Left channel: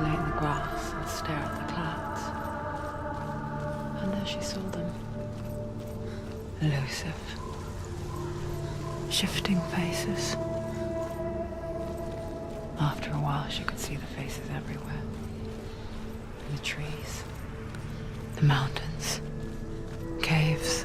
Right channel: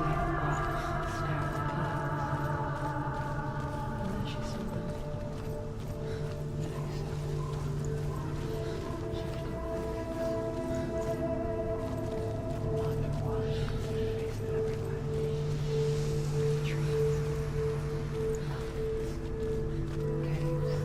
lay in the grass and stare at the clouds. And there she saw them. Elusive, shifting faces. After a while, she could see the faces everywhere. In the trees, the mountains, caves.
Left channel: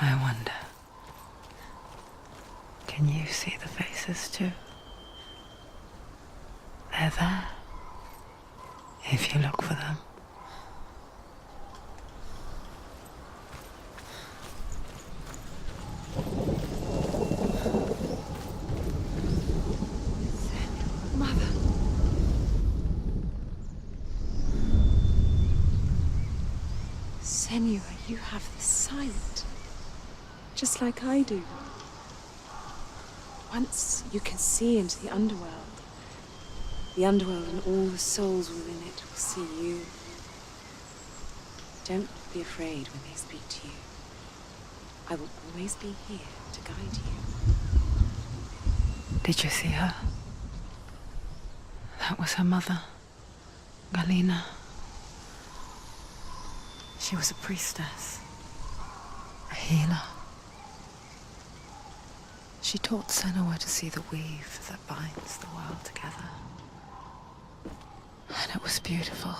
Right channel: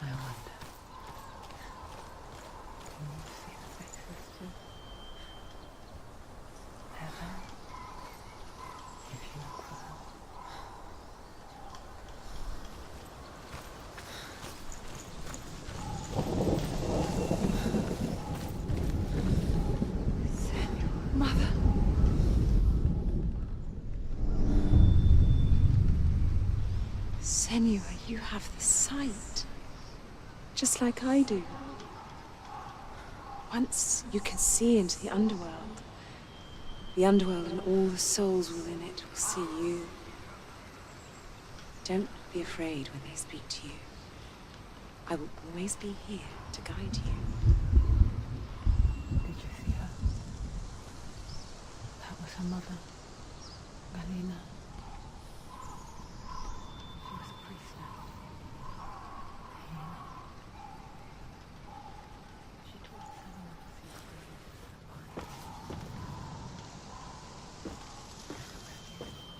I wonder, can you see the faces too? They're there, if you look for them. Senua, Mother. Senua, you have the sight. Just like I do. Once you can see into the underworld and all the souls within it will see you. Don't be afraid when they speak to you. I will always be here to guide you. Did you see her? That was her mother, Galina. She was a priestess, a healer. She taught Senua to see the weave that binds the world together. And it was beautiful.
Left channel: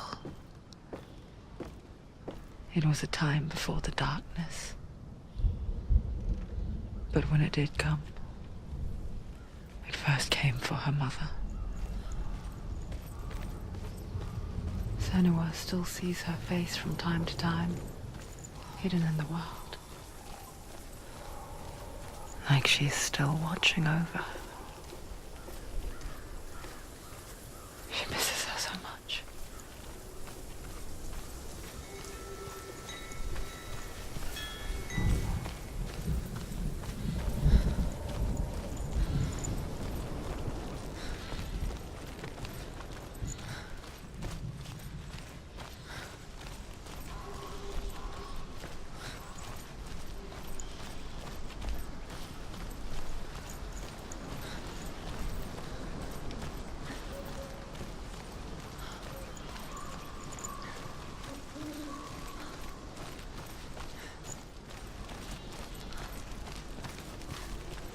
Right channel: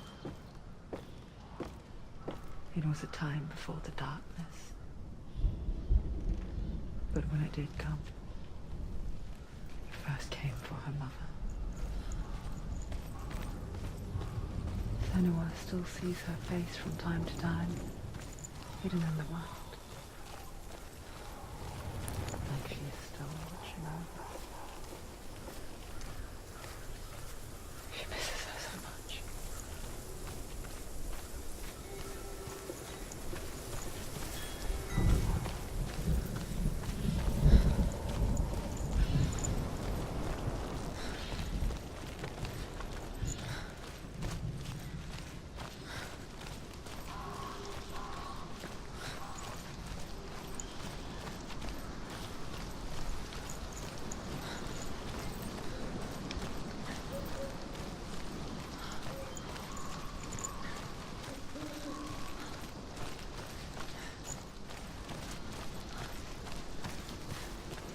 It was a time before the darkness. But when it did come, it first came for her mother. Senua still sees her face from time to time, hidden in the wild. Like she's still watching over her. She misses her so much.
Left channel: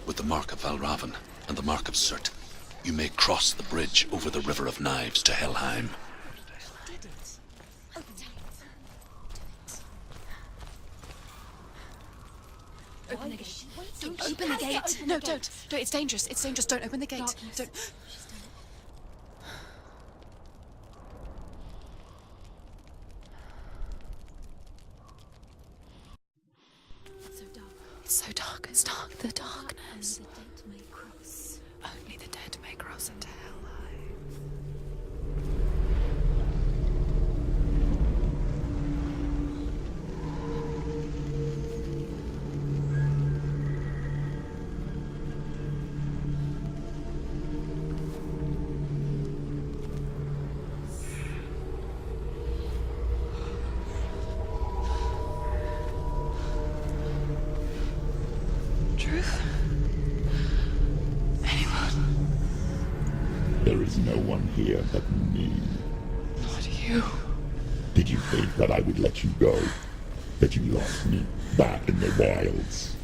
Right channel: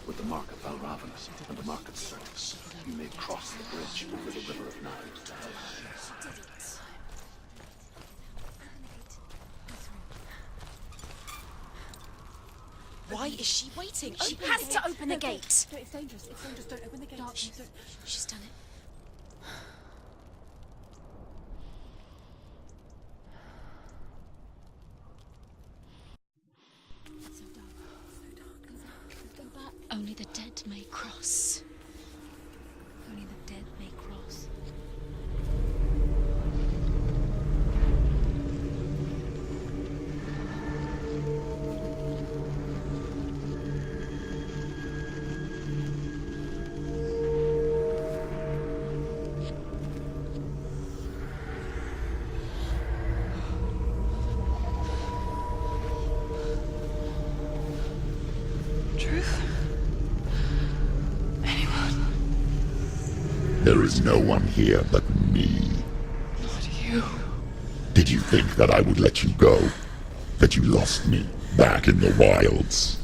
With the mark of Valravan and the mark of Surt, you may cross the bridge over the River of Knives to Helheim. Why is she waiting? Open the gate. Open the gate. No, it's dangerous. It's dangerous. Don't open the gate. No, Don't. she's done it. It's so dark. It's dark. The darkness. Only the dead may cross. Only the dead may cross Only into the hell. dead may cross. Truth? Anyone? There is no one here but me. Not you. Did you think that I would let you go? That you lost me back in the wilds?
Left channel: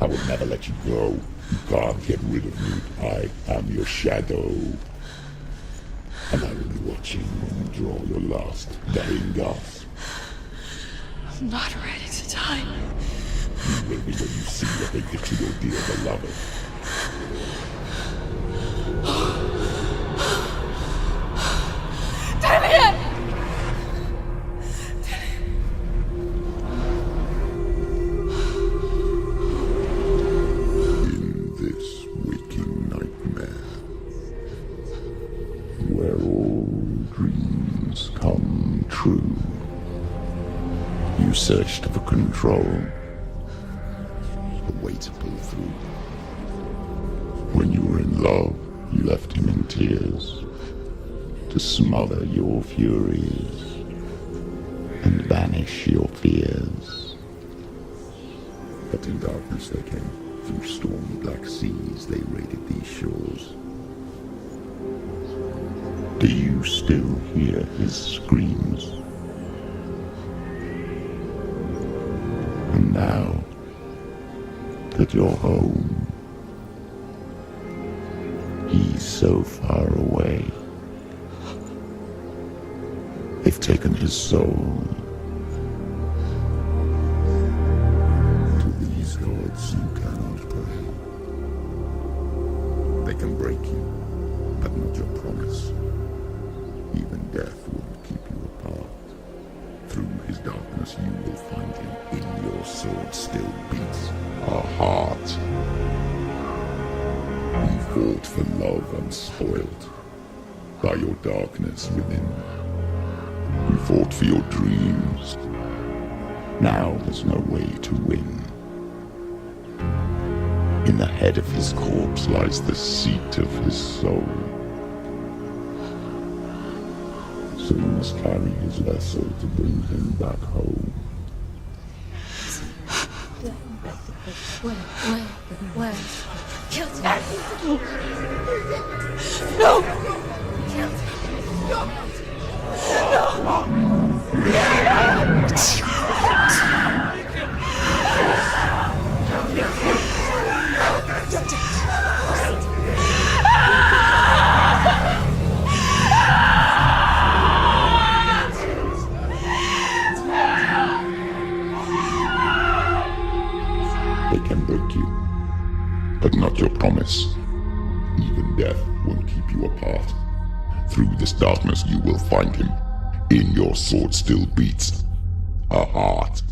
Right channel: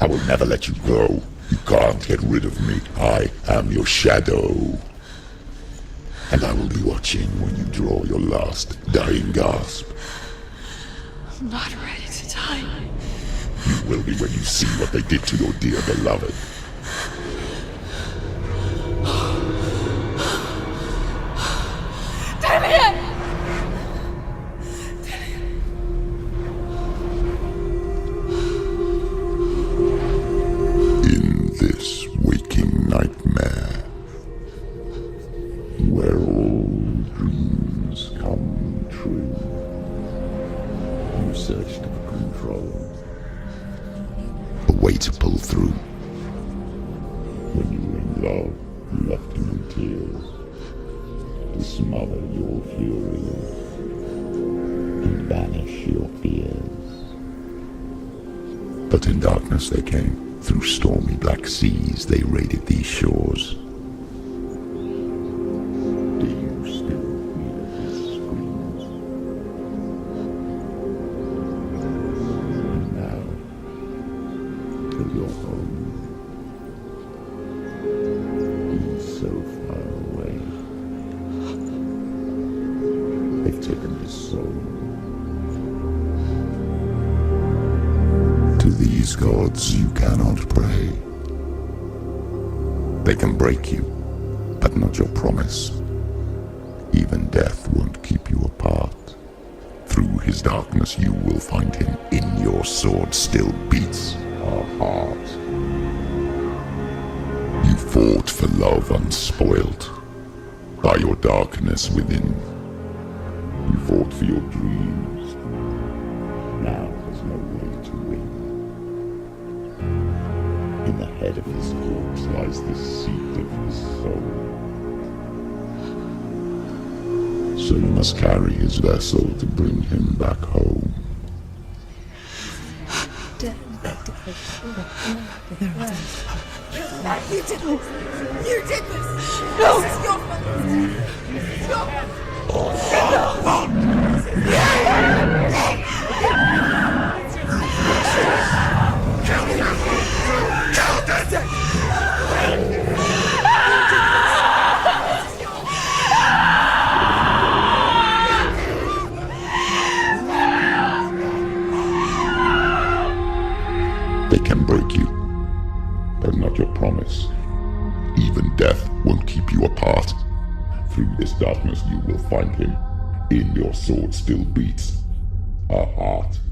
I will never let you go. You can't get rid of me. I am your shadow. And I will be watching when you draw your last dying gasp. I'm not ready to die. You will be when you see what they did to your dear beloved. Damn it! In this waking nightmare, where all dreams come true, You searched for control. A way to pull through. When you were in love, you left him in tears. To smother your furies. And banish your fears. But in darkness they came. Through stormy black seas they raided these shores. Do you still hear his screams? And now that you're home, he's so far away. They've taken his soul. To these gods you cannot pray. They can break you, but not your promise. Even death won't keep you apart. Through his darkness you will find him. In your sword still beats a heart. You fought for love unspoilt by your darkness within. You fought for your dreams. Now there's no way to win. In the head of his corpse lies the seat of his soul. So you must carry his vessel to bring him back home. They can break you, but not your promise. Even death won't keep you apart. Through this darkness you will find him. In your sword still beats a heart.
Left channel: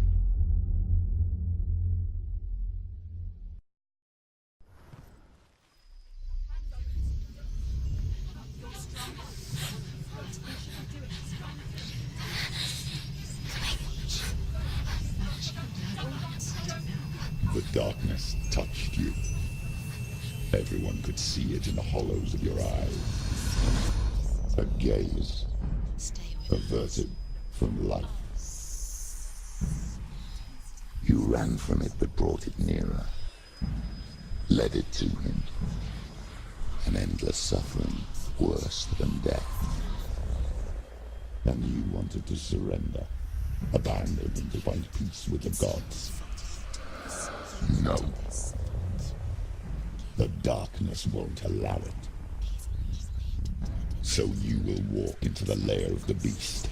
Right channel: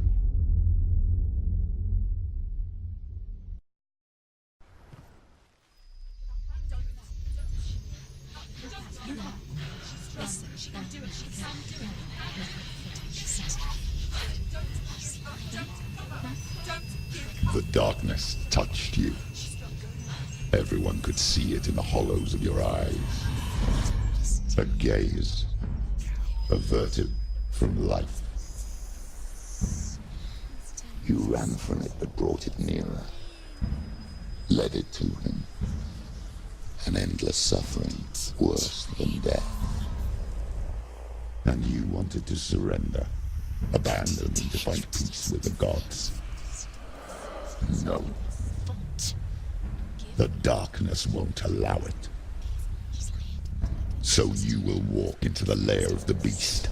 The darkness touched you. Everyone could see it in the hollows of your eyes. A gaze averted from life. You ran from it but brought it nearer. Led it to him. An endless suffering worse than death. And you wanted to surrender. Abandon and to find peace with the gods. No. The darkness won't allow it. So you will walk into the lair of the beast.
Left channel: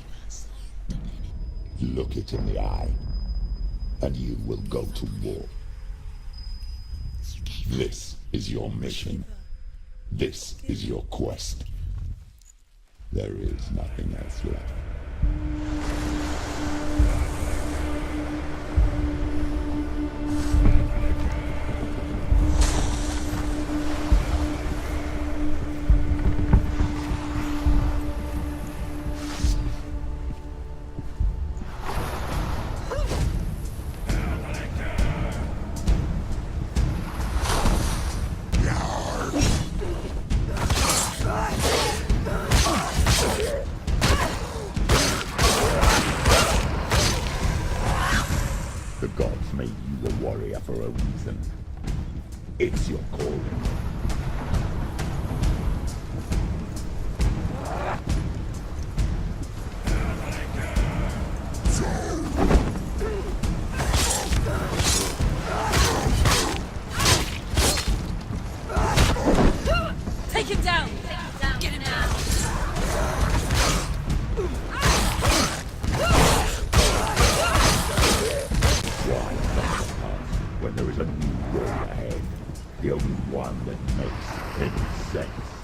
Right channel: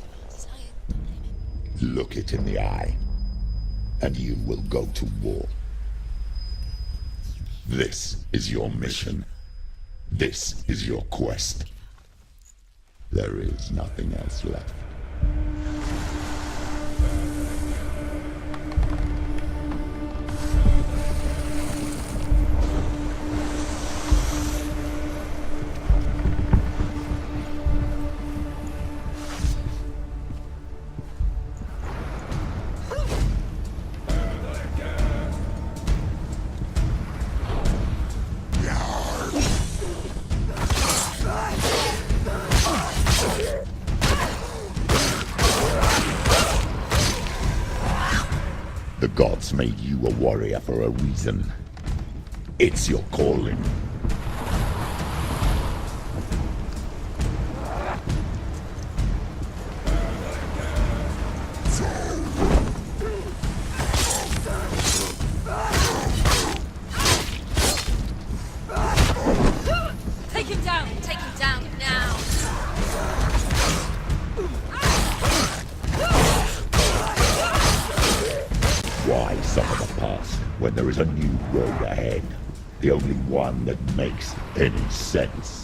Look it in the eye, and you will go to war. This is your mission. This is your quest. There is nothing else left. The gods made you a warrior for a reason. It's your calling. Take him down! Take him down now! Why suffer the past when there is a new road ahead? The only one that makes any sense.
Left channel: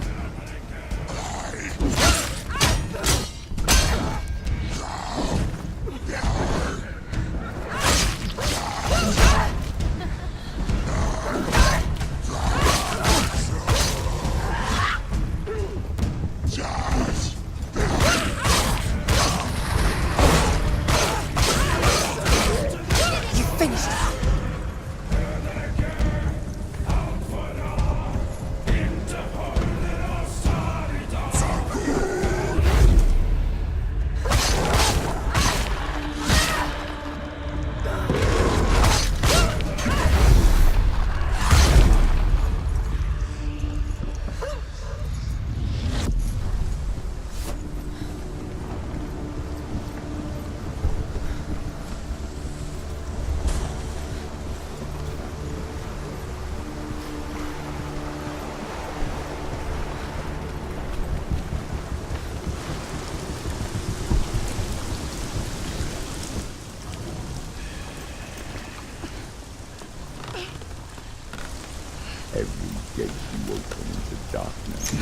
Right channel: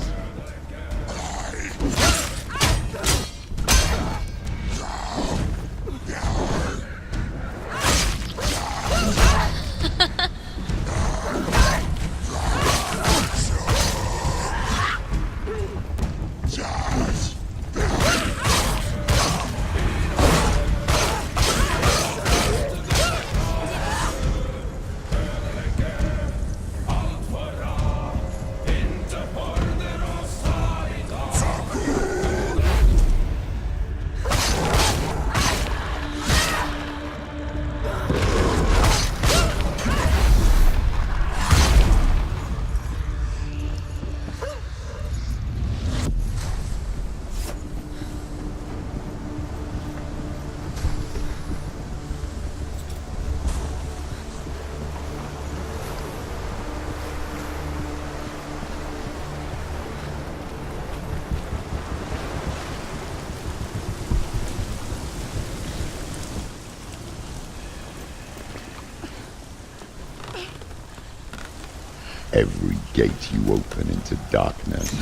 Every gate you open into darkness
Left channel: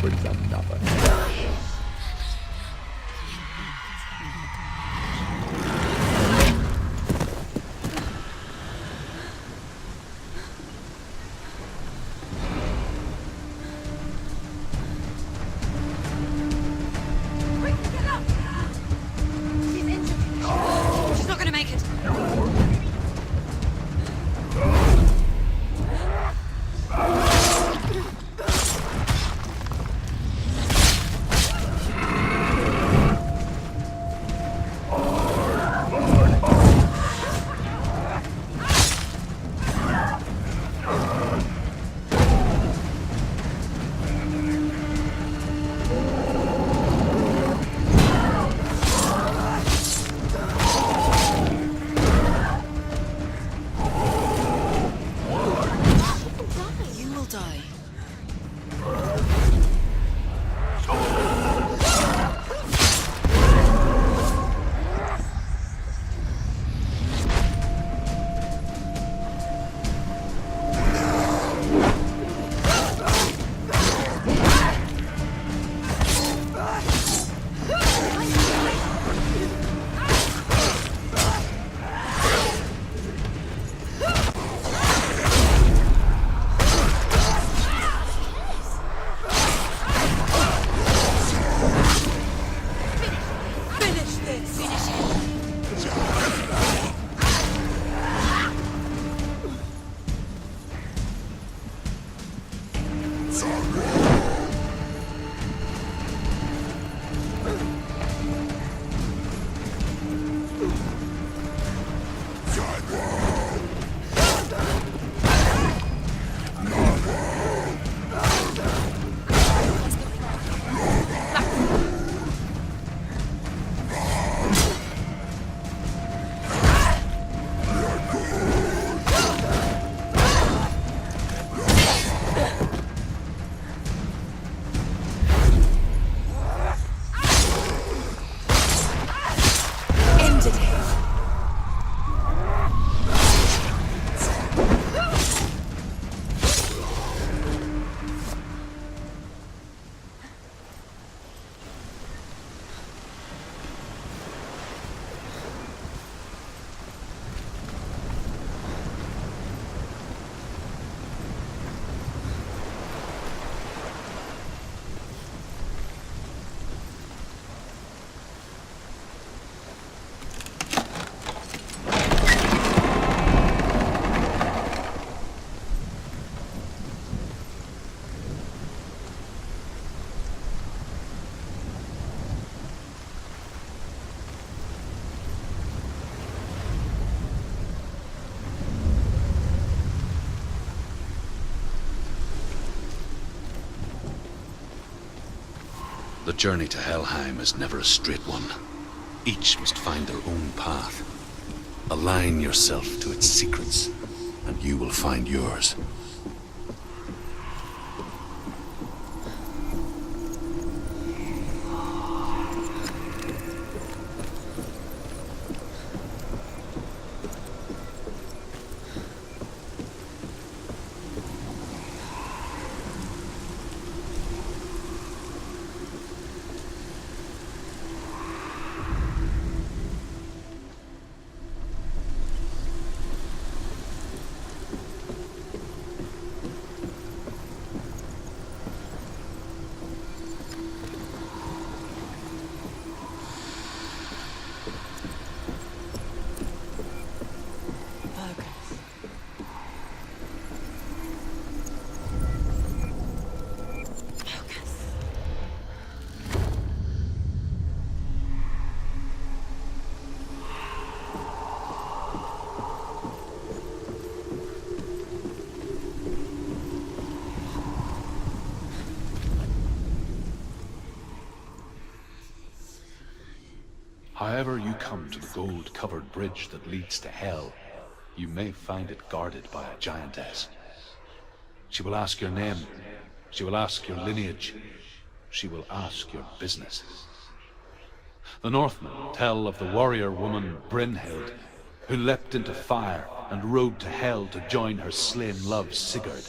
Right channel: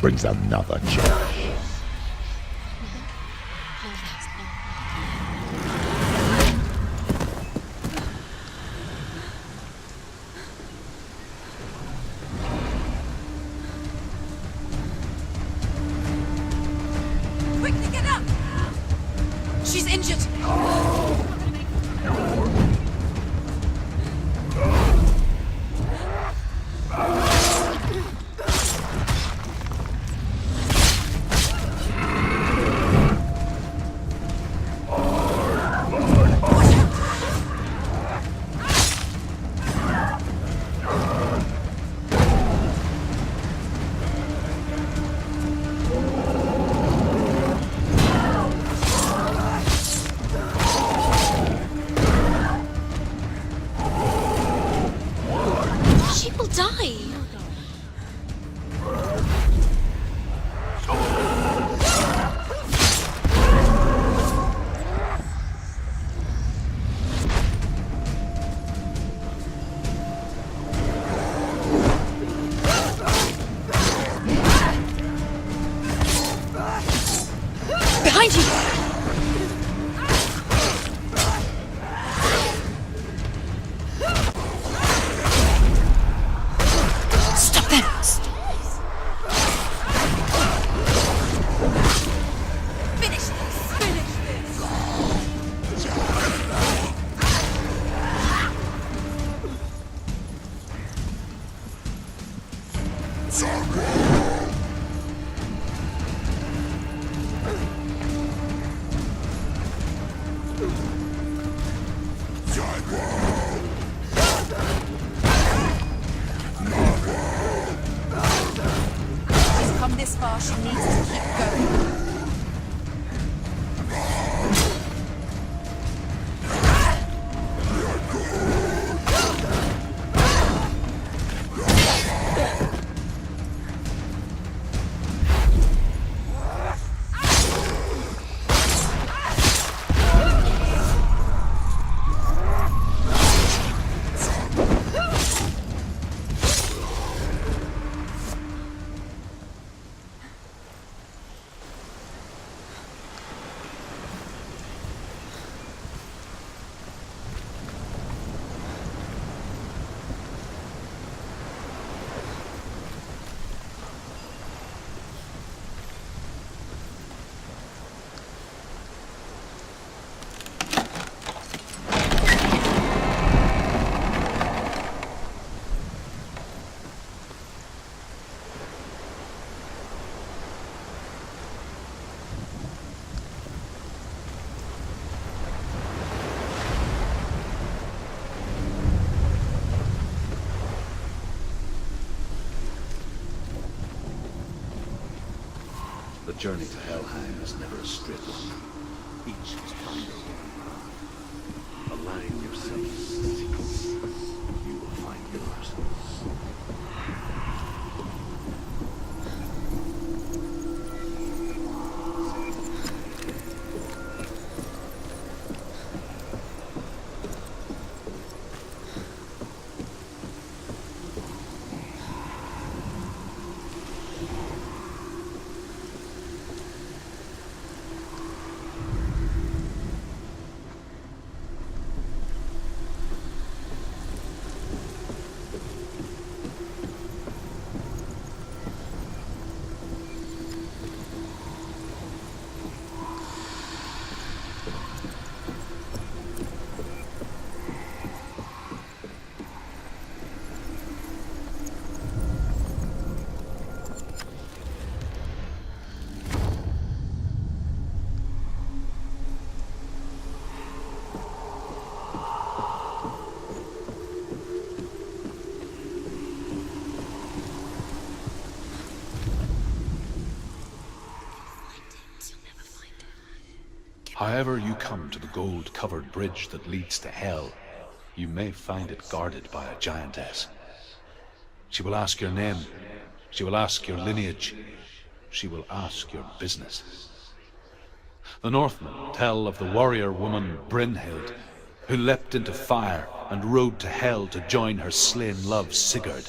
brings another change. Quickly get up! She's injured. She's not gonna make it. She will die. You will die. Behind you! Stop them! Finish this! Come this far, she needs to. The journey to Helheim is never a straight one. Each must find their own path. Align yourself to its secrets, and you will find yours. However you come to the gold-covered bridge that leads to Hell, you may find it guarded by a giantess. She will ask your name. She will ask your lineage. She will ask your business. The Northmen tell of the warrior woman Brynhild, who leapt into fire and rode to Hell to join her slain love Sigurd,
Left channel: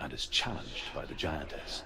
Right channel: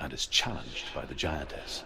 and is challenged by the giantess.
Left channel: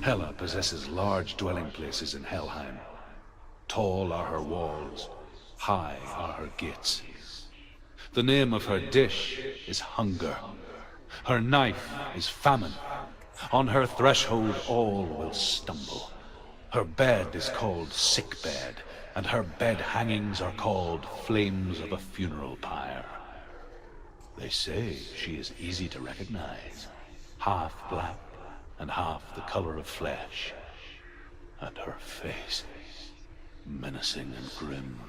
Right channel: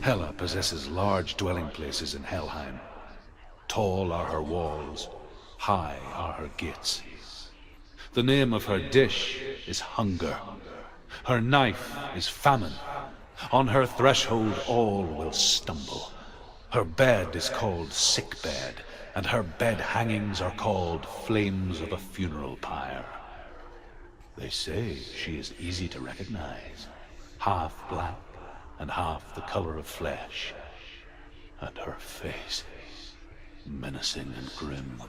Hela possesses large dwelling places in Helheim. Tall are her walls, high are her gates. The name of her dish is hunger. Her knife is famine. On her threshold all will stumble. Her bed is called sick bed, and her bed hangings are called flames of a funeral pyre. They say she is easy to recognize, half black and half the color of flesh, and her face menacing and grim.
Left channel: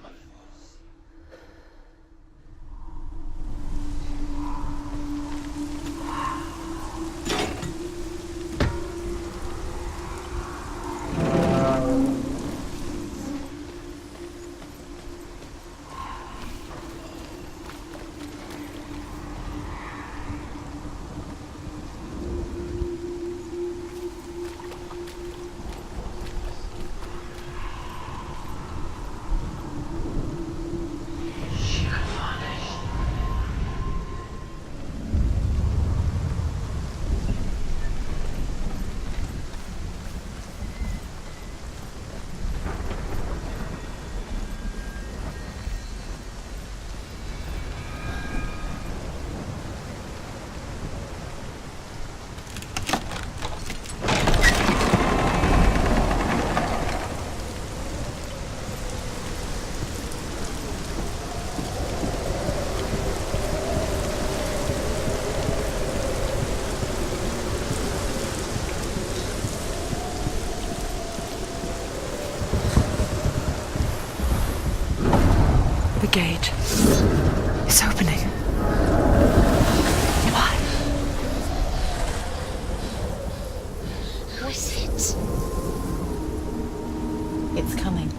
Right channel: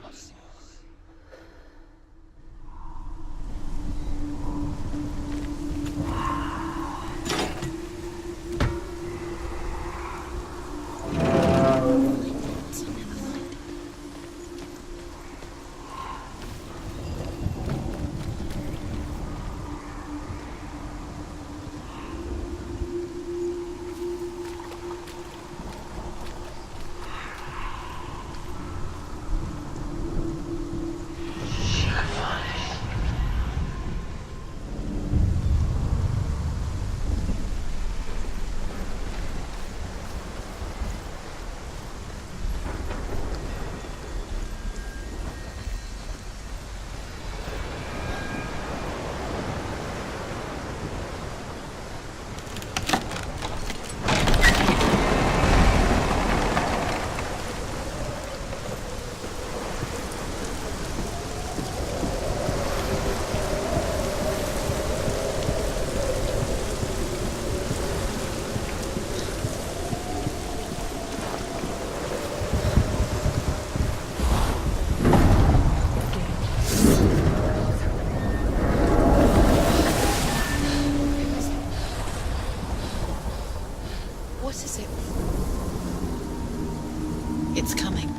It's coming.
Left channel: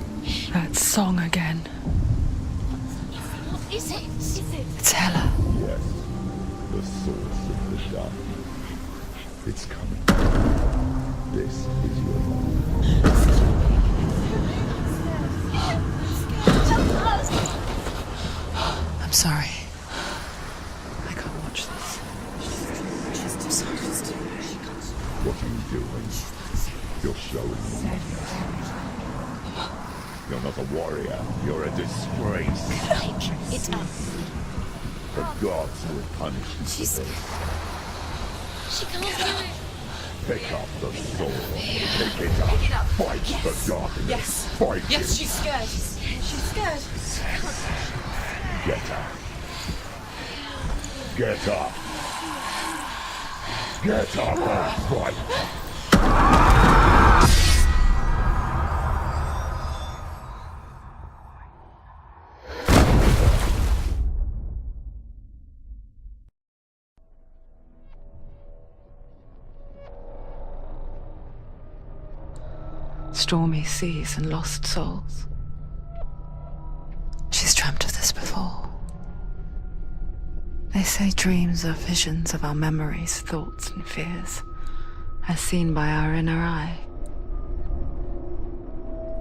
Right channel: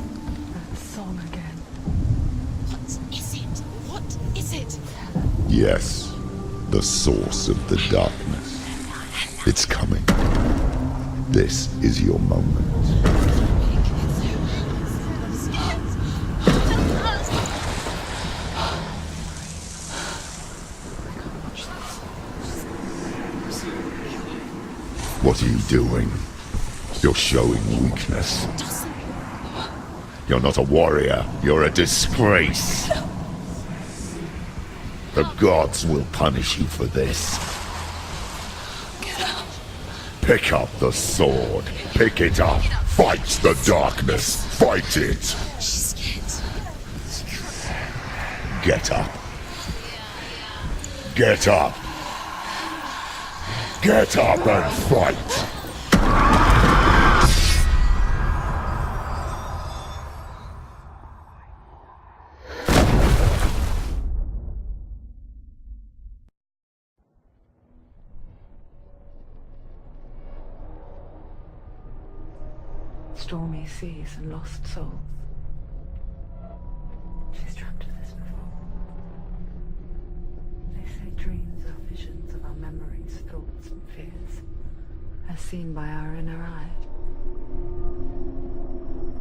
That song again. Is it? It's Hela. Yes, the source of the darkness. It's coming. This is your moment. I'm sorry. I can't watch this. What are you doing? You're showing weakness. You're not a warrior. You're a disgrace. The gods will punish you for this. Pick up the sword. Pick it up. Fight the darkness. Fight it. Get up. Get up. Get up and fight. stormy seas and lost souls. She's dreamt of this before. They say dreams are visions of our memories, thoughts, and fears, as seen by our inner eye.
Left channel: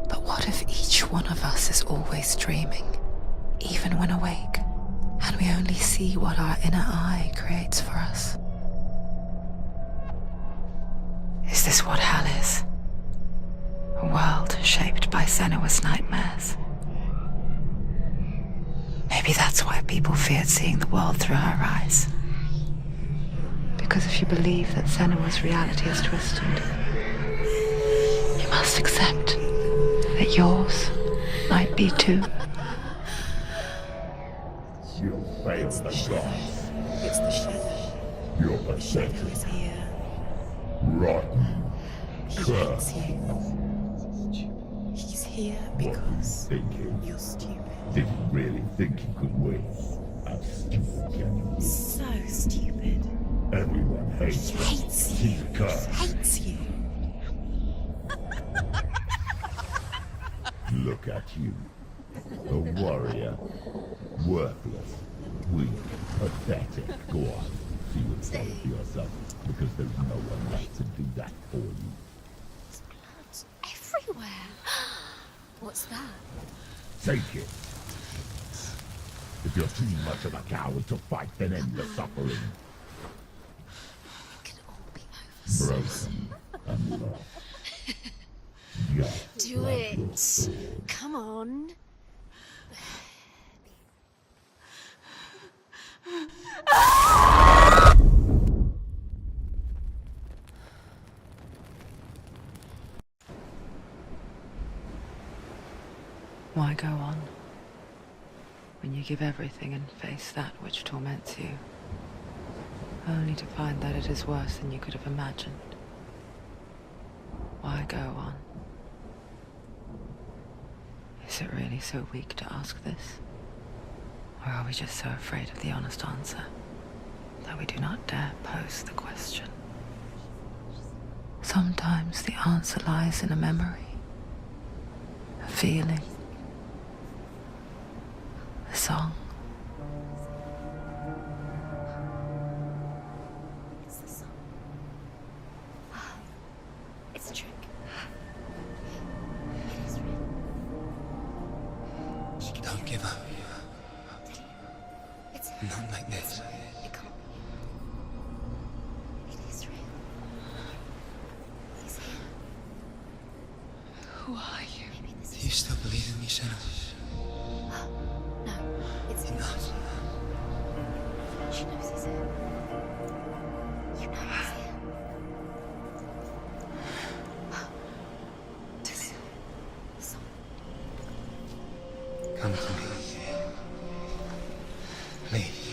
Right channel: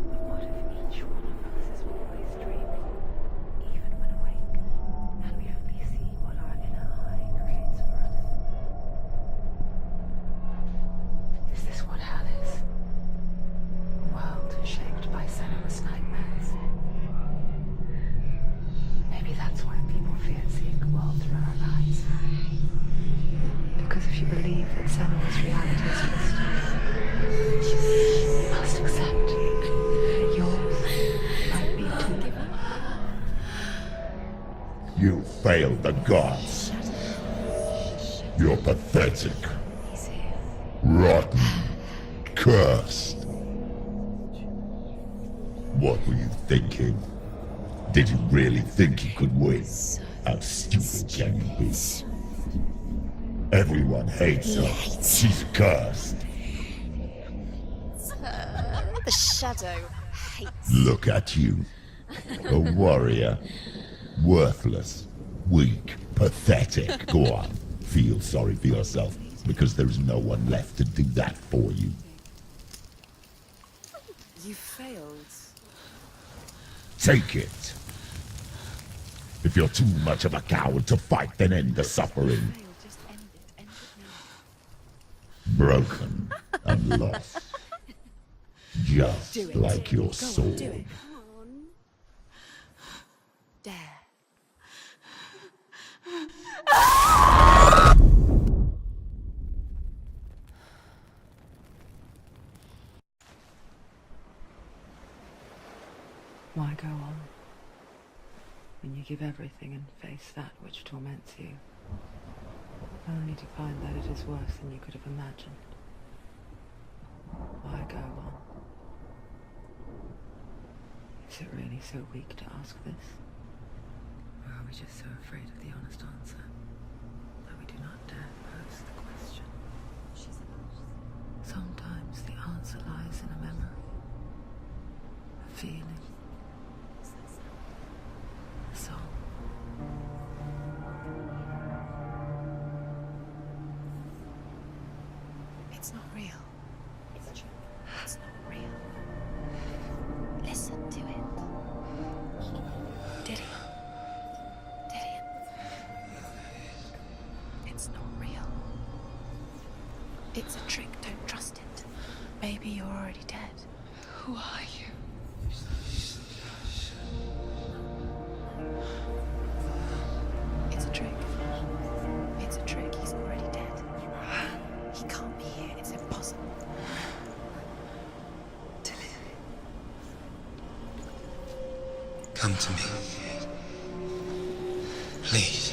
But what if each one of us is always dreaming, even when awake, and we only see what our inner eye creates for us? Is this what hell is? A world shaped by Senua's nightmares. Maybe that's why people feared seeing the world through her eyes. Because if you believe that Senua's reality is twisted, you must accept that yours might be too. You failed the gods. You're pathetic. Rotten. Cursed. What were you thinking? Did you really think you could win? How stupid can you be? So stupid. Everyone hates her. She's cursed. The shadow hates. Look at you. A warrior. Worthless. Weak. Pathetic. Go on. Feel sorry for yourself, because there is no one left to do that for you. Everywhere. You failed. What's that? Take it. If you're too much of a coward to fight, then end the suffering. Broken and lost. Just like your soul. Come on. Dare. Why go on when you give everything and face that which torments you, only to find that it is worse than you could have imagined? Why go on? Is it really so weak to ask this? Or are we just so afraid of the honest answer that we do not dare pose the question? Sometimes the answer lies in a memory, a feeling, a song. It's not real. It's a trick. It's not real. It is real. Listen to it. Don't give up. Diddy. It's Not like this. it can't be. It's not real. It is real. It's a trick. Don't trust it. Maybe you're already dead. Who are you? Do you still believe in yourself? No, it's Enough. It's a trick. She knows it's him. It's a trick. He's already dead. You know he can't be here. It's impossible. Come to me. Please.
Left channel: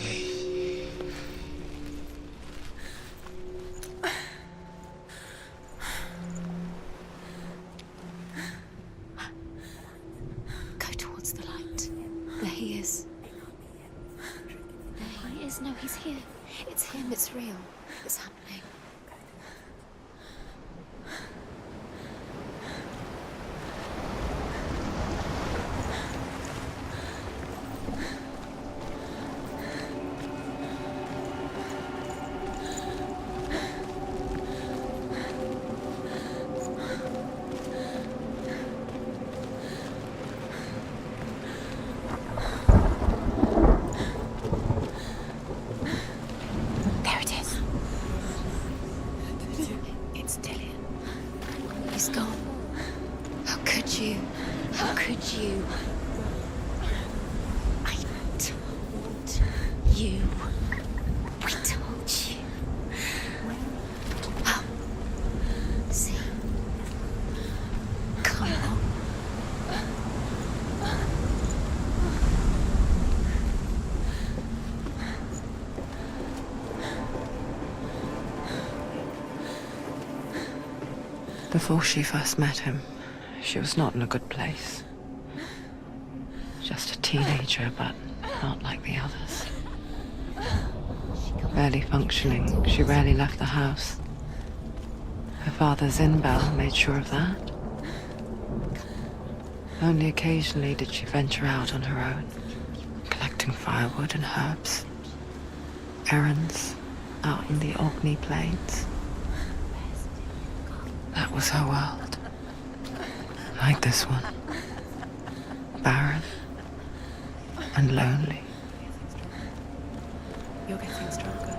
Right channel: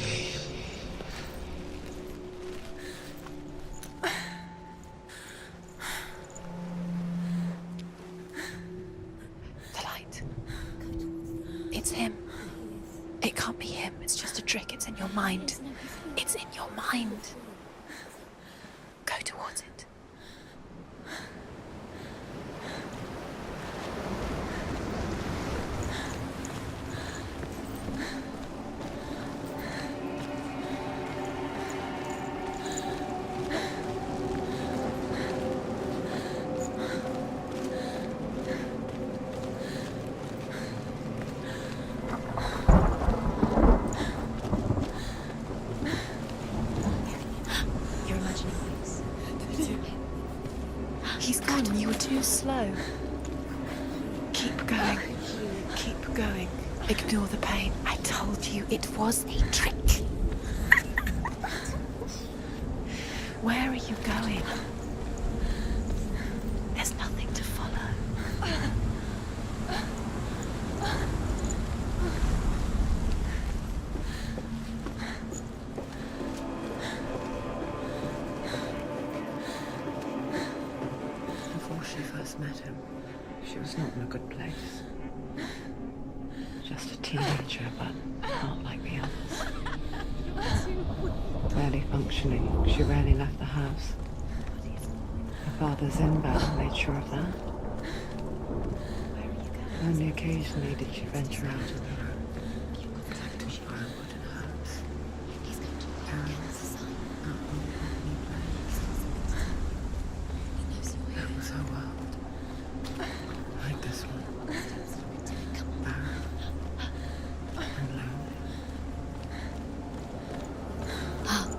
The light. Go towards the light. It's him. There he is. It can't be him. It's just a trick. It's in your mind. No, he's here. It's in your mind. It's real. What's happening? Go towards it. There it is. You're imagining. It's Dylan. He's gone. You was gone. Slow. How could you? Keep going. How could you? Keep going. Ignore the pain. I told you it was the trick. You. I told you. Where are you going? See, there's nothing to follow. Come on. Before she first met him, she was not in a good place. Just a teenager, but not like the others. Barely functioning, she rarely left the house. Her father's in bell made sure of that. Only occasionally did she venture out on her own, collecting firewood and herbs. Errands out in the Orkney Plains. That was her world. Like this one. Barren and lonely. You're getting stronger.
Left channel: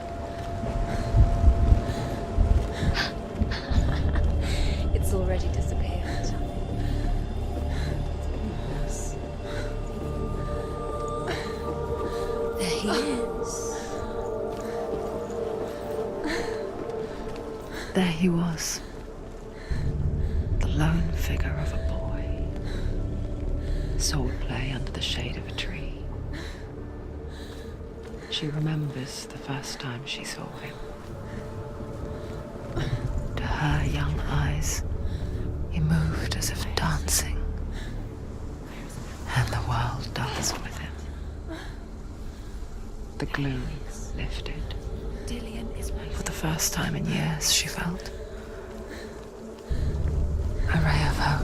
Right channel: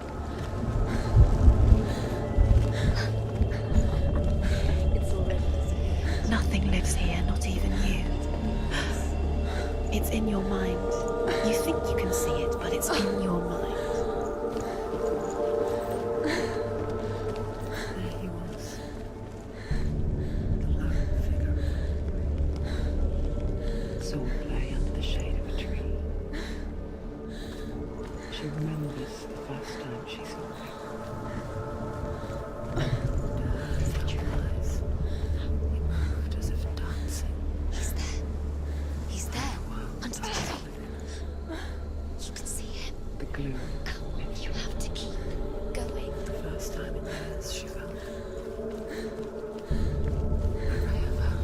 It's already disappeared. Nothing lives here, not even you. It's in your mind. You think you can see it, but it's in your mind. There he was. The lone figure of a boy. Swordplay under the shade of a tree. She remembers the first time she saw him. To her young eyes, he moved as if dancing. And the world danced with him. The gloom lifted. For the first time in years, she felt a ray of hope.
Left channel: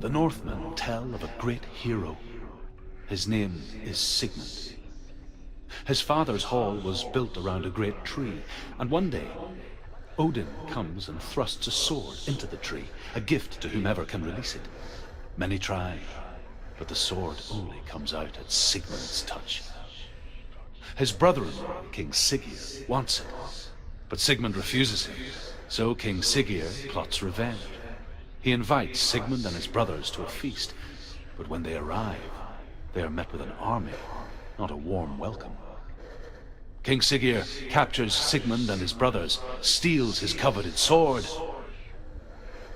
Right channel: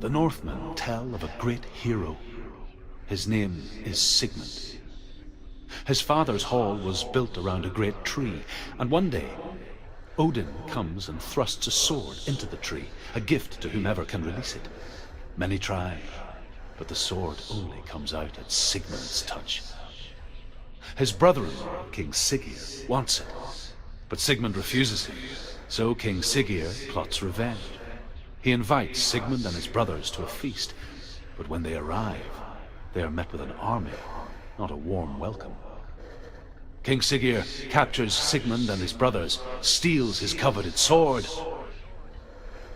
The Northmen tell of a great hero. His name is Sigmund. His father's hall was built around a great tree, and one day, Odin comes and thrusts a sword into the tree, a gift to whomever can release it. Many try, but the sword only comes out at Sigmund's touch. His brother-in-law, King Siggeir, wants it, but Sigmund refuses him, so King Siggeir plots revenge. He invites Sigmund and his brothers to a feast, but when they arrive, they are met with an army, not a warm welcome. King Siggeir captures Sigmund and his brothers, steals his coveted sword,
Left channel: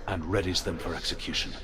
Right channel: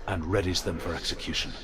and readies them for execution.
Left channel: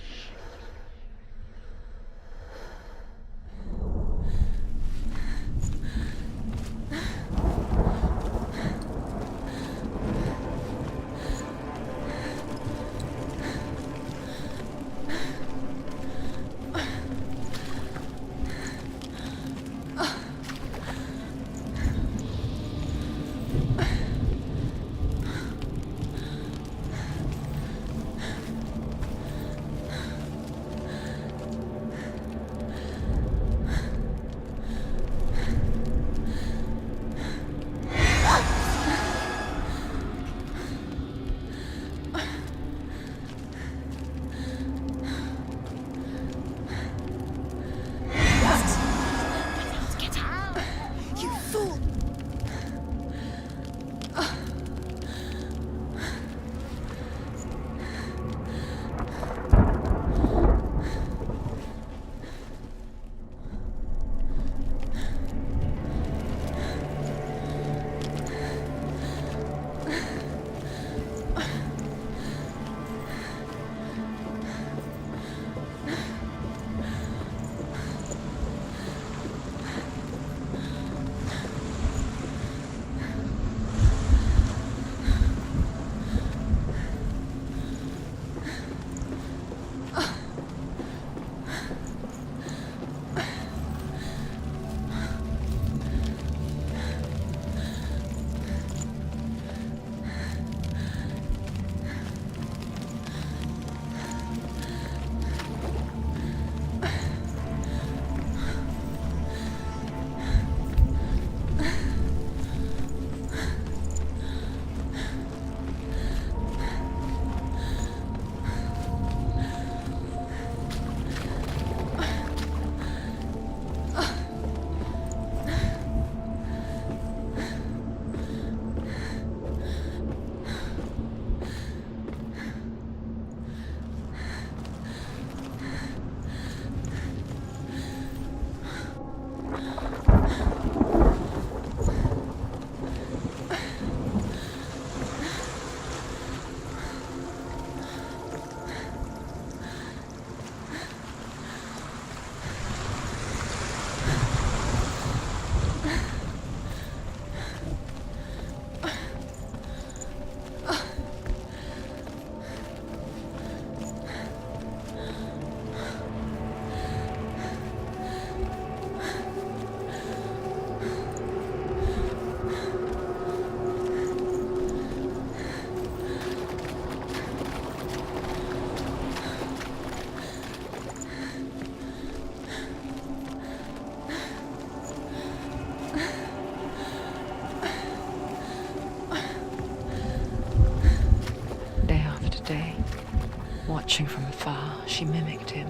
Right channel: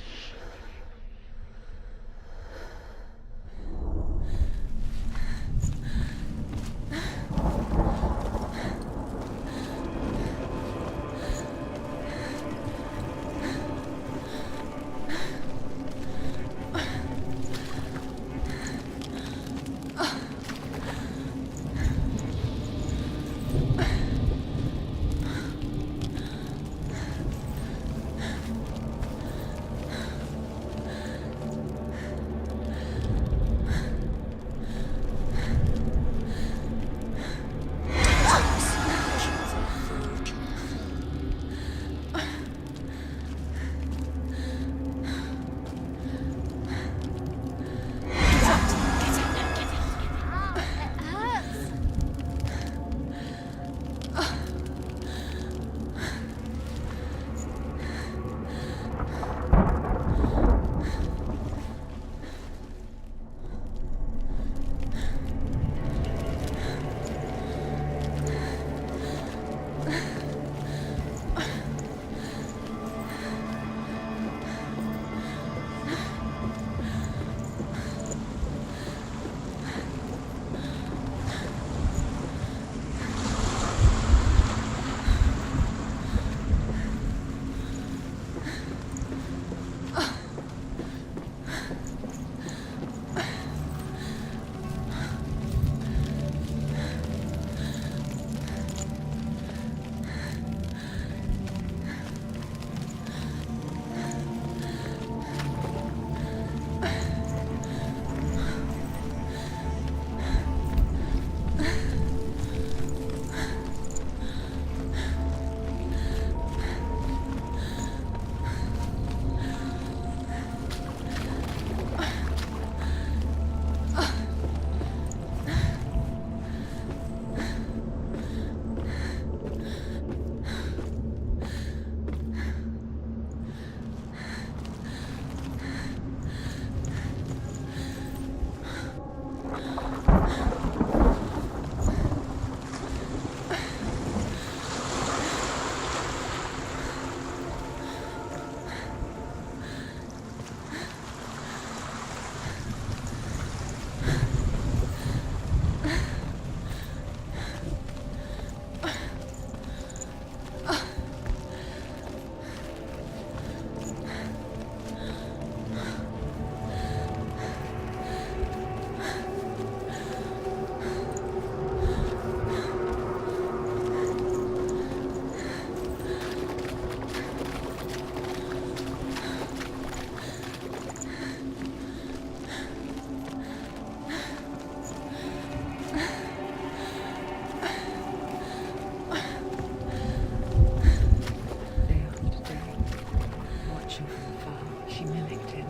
she mimicked him,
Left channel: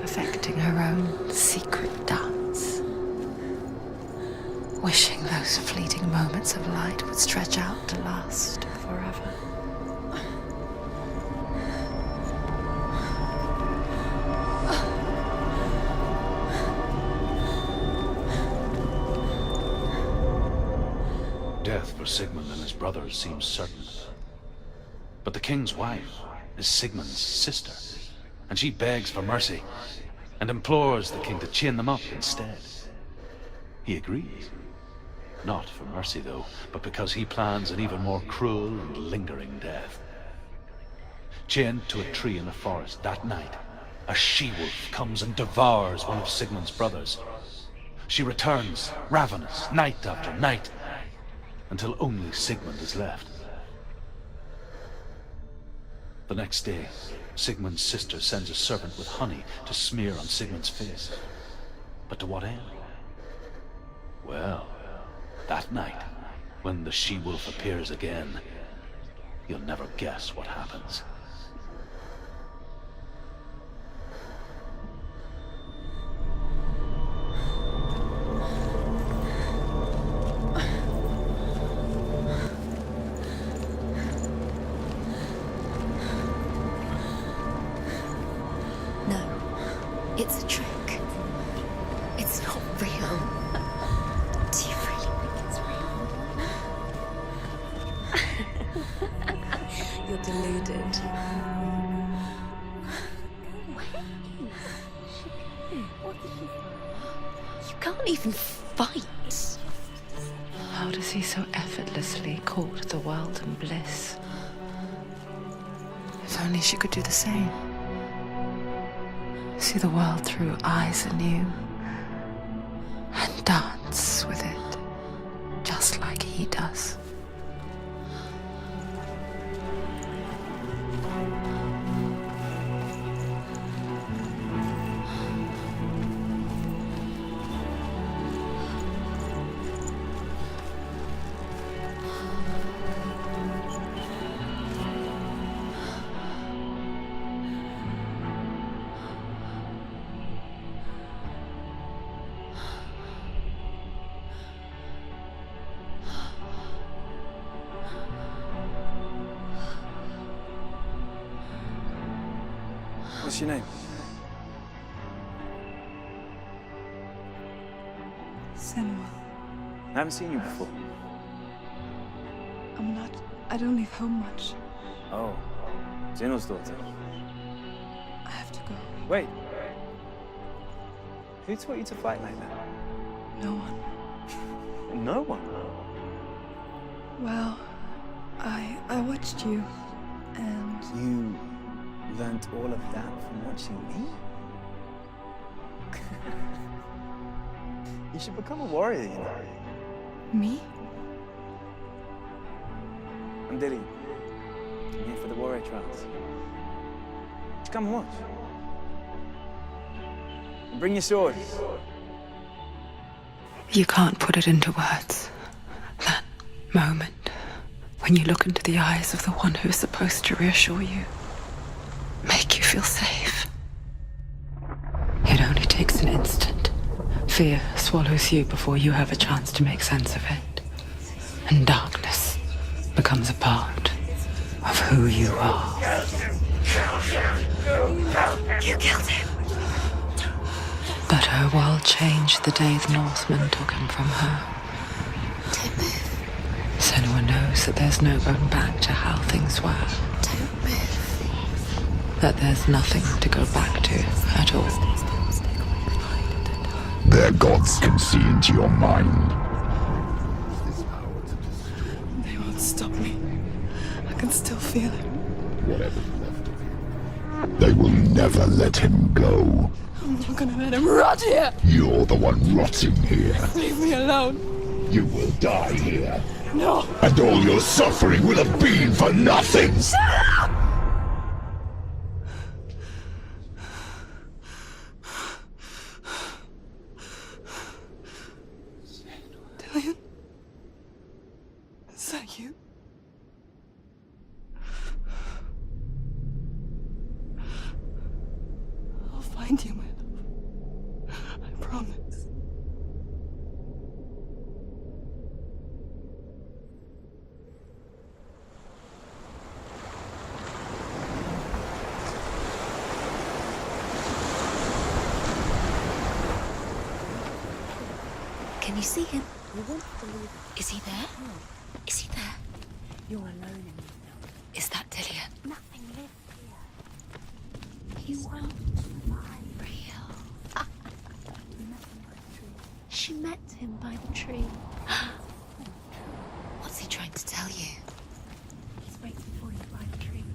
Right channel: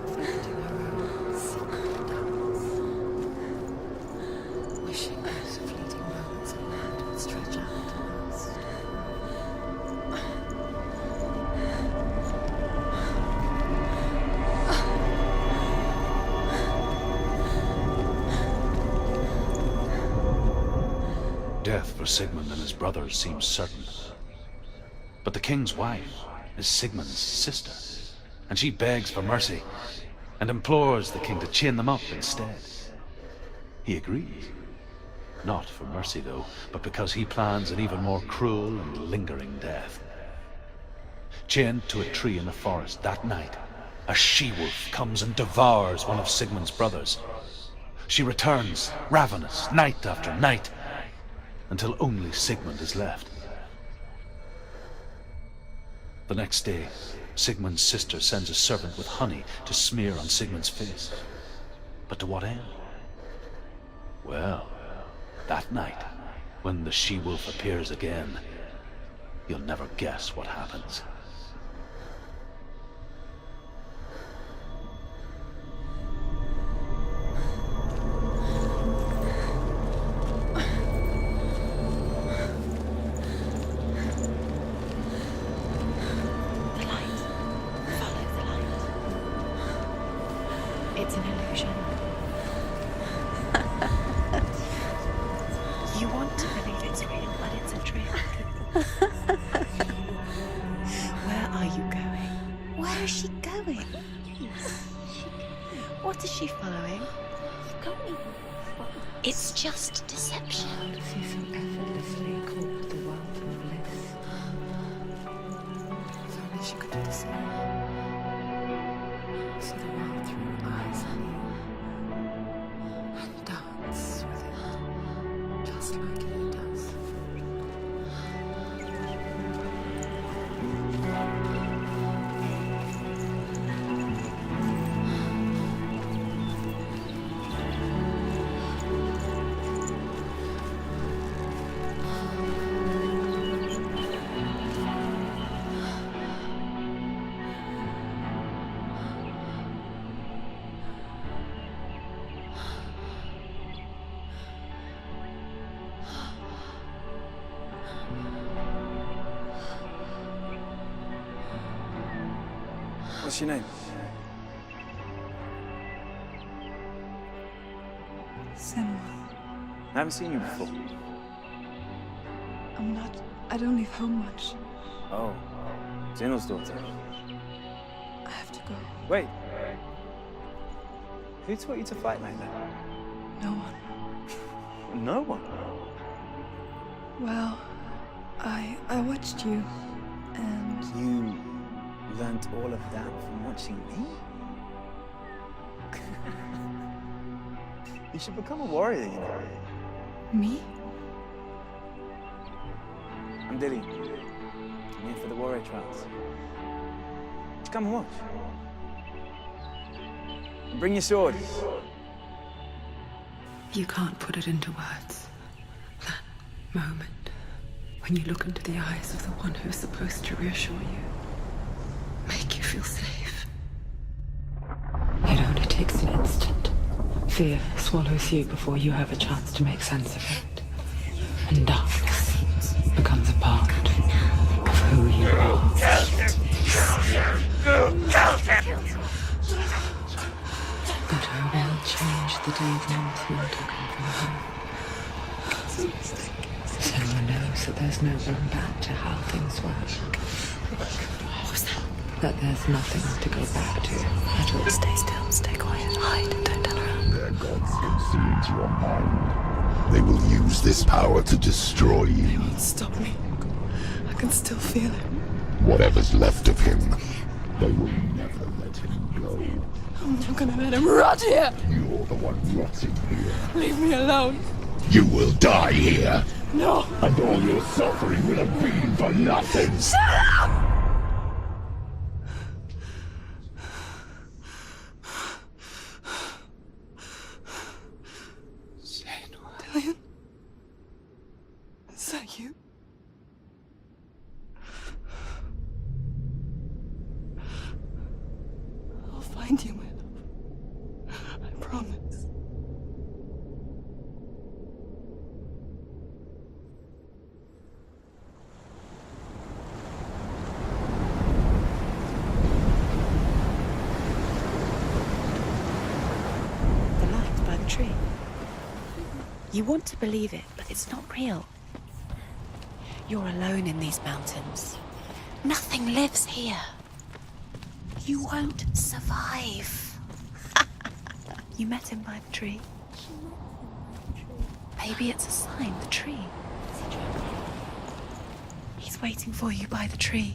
perfecting her own secret dance, wishing those fleeting moments of light would stretch out to last forever. Death for Sigmund and his brothers seems certain. But the king's wife is Sigmund's sister, and she begs for mercy and implores the king to chain them up instead. He agrees. Not for mercy, though, but because he plans an even more cruel and lingering death. Chained to a tree in the forest that night, a she-wolf comes and devours one of Sigmund's brothers. She returns, ravenous, night after night, until only Sigmund is left. The next day, Sigmund's sister sends a servant with honey to smear on Sigmund's face. But to what end? Well, that night, when the she-wolf appears again, you'll never guess what happens. It's a trick. It's an illusion. It's not real. Do you really? You want to believe it's real, but it's a trick. You're deluded. Where are you going? Where is she going? What is she following? You can't even fight. It's just deception. How does he so effortlessly court the world and bliss? If only she could do the same. See the world through eyes anew and dance with it just like he does. What's your name? Senua. I haven't seen you before. I don't leave home much. Oh, Zenua's daughter. I have to go. Wait. Who taught you to fight like that? No one. No one? Well, I watched you, and You learnt all of that from watching me? You should become a warrior, you know. me? I'm Dilly. I'm here for the warrior trials. Just come and watch. And bring your sword. You can't put it into words. That moment when you look into the eyes of the one who is supposed to reassure you, make you feel safe. It only takes an instant. Fear swallows you before you have a chance to make sense of it. And darkness becomes a part of who you are. You killed him. But her world changed the day the Northmen took him from her. Senua knows that there's no going back to how things were. That there's nothing to go back to at all. Stay still, stay quiet, hide, don't tell her. Their gods can see into your mind. They will use this power to destroy They you. won't stop me. I can still feel him. Whatever's left of him, they will never let him go. I'm not gonna let him rot here. You're the one rotting here. Leave me alone. You will die here. No. And all your suffering will have been for nothing. Shut up! Dillion? Is that you? find you, my love. I promise. By the tree. Can you see him? You want to believe it. Is he It's there? not real. Is he there? You're alone in these mountains. Is that Dillian? Nothing lives here. You won't survive. You met him by the tree. She met him by the tree. Maybe it's a sign, the tree. What's he trying to tell you? He's waiting for you by the tree.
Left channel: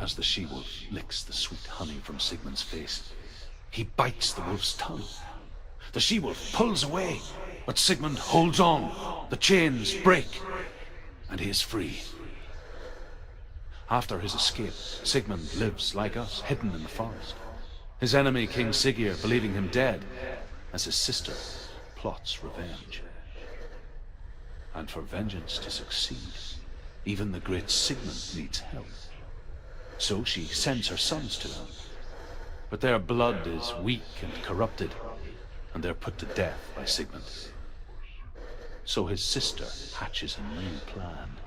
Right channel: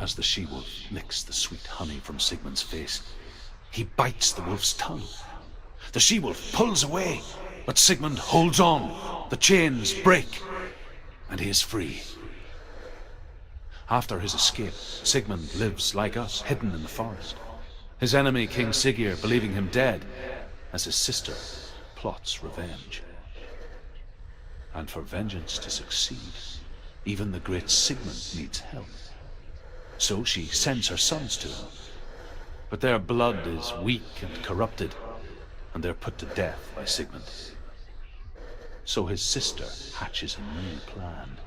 As the she-wolf licks the sweet honey from Sigmund's face, he bites the wolf's tongue. The she-wolf pulls away, but Sigmund holds on. The chains break, and he is free. After his escape, Sigmund lives like us, hidden in the forest. His enemy, King Siggeir, believing him dead, as his sister plots revenge. And for vengeance to succeed, even the great Sigmund needs help. So she sends her sons to him. But their blood is weak and corrupted, and they're put to death by Sigmund. So his sister hatches a new plan,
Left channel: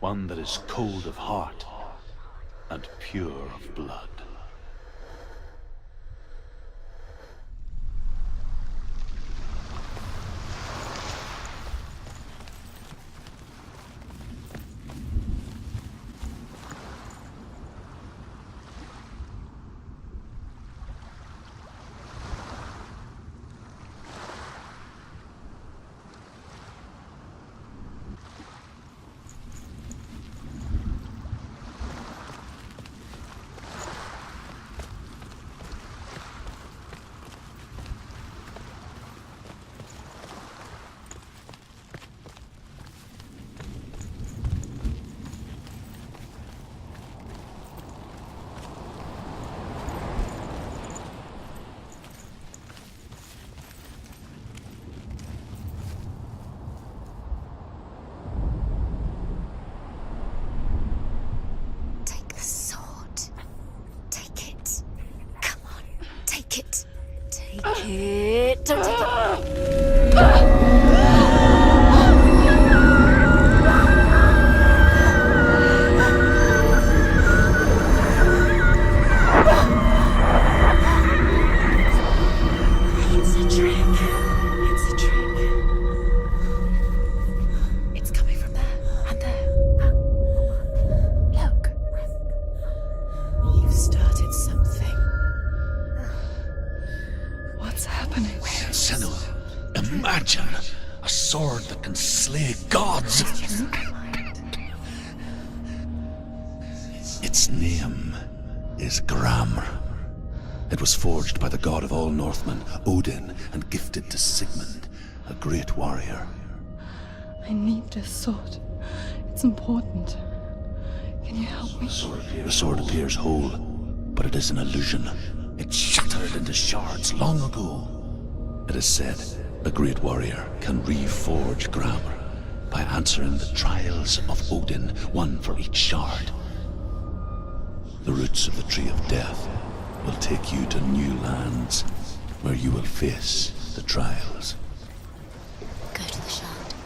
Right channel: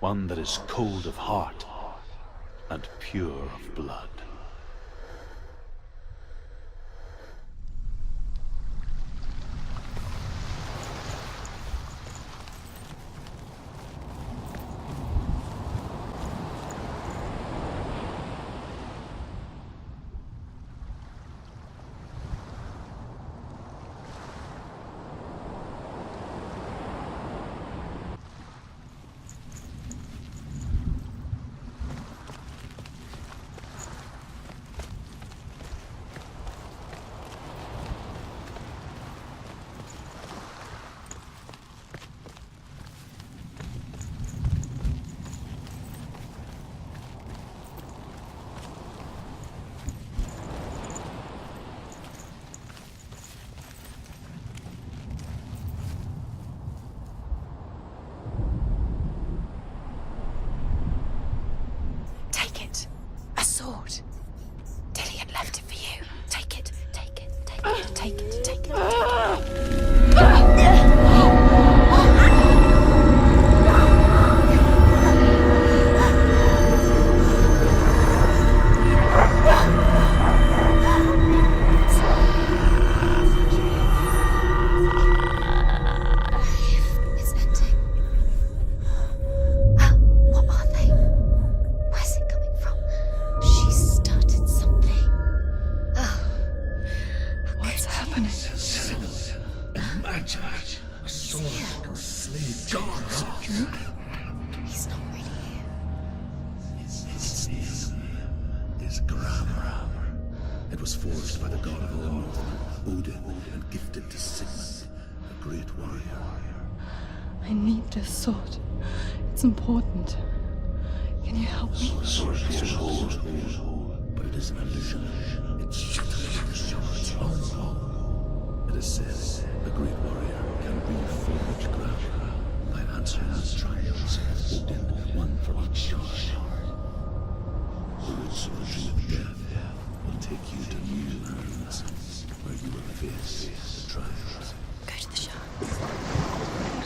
one that is cold of heart and pure of blood. Imagine a sword that can slay gods. Its name is Gramr. It was forged by the god of all Northmen, Odin, and gifted to Sigmund, a great warrior. I need this sword. It's important. Can you help me? The sword appears whole, but it is an illusion. It shattered into shards long ago. It is said a great warrior can reforge Gramr by answering the trials of Odin, one for each shard. The roots of the Tree of Death will take you to new lands where you will face the trials. Go to the shard. Go to the shard.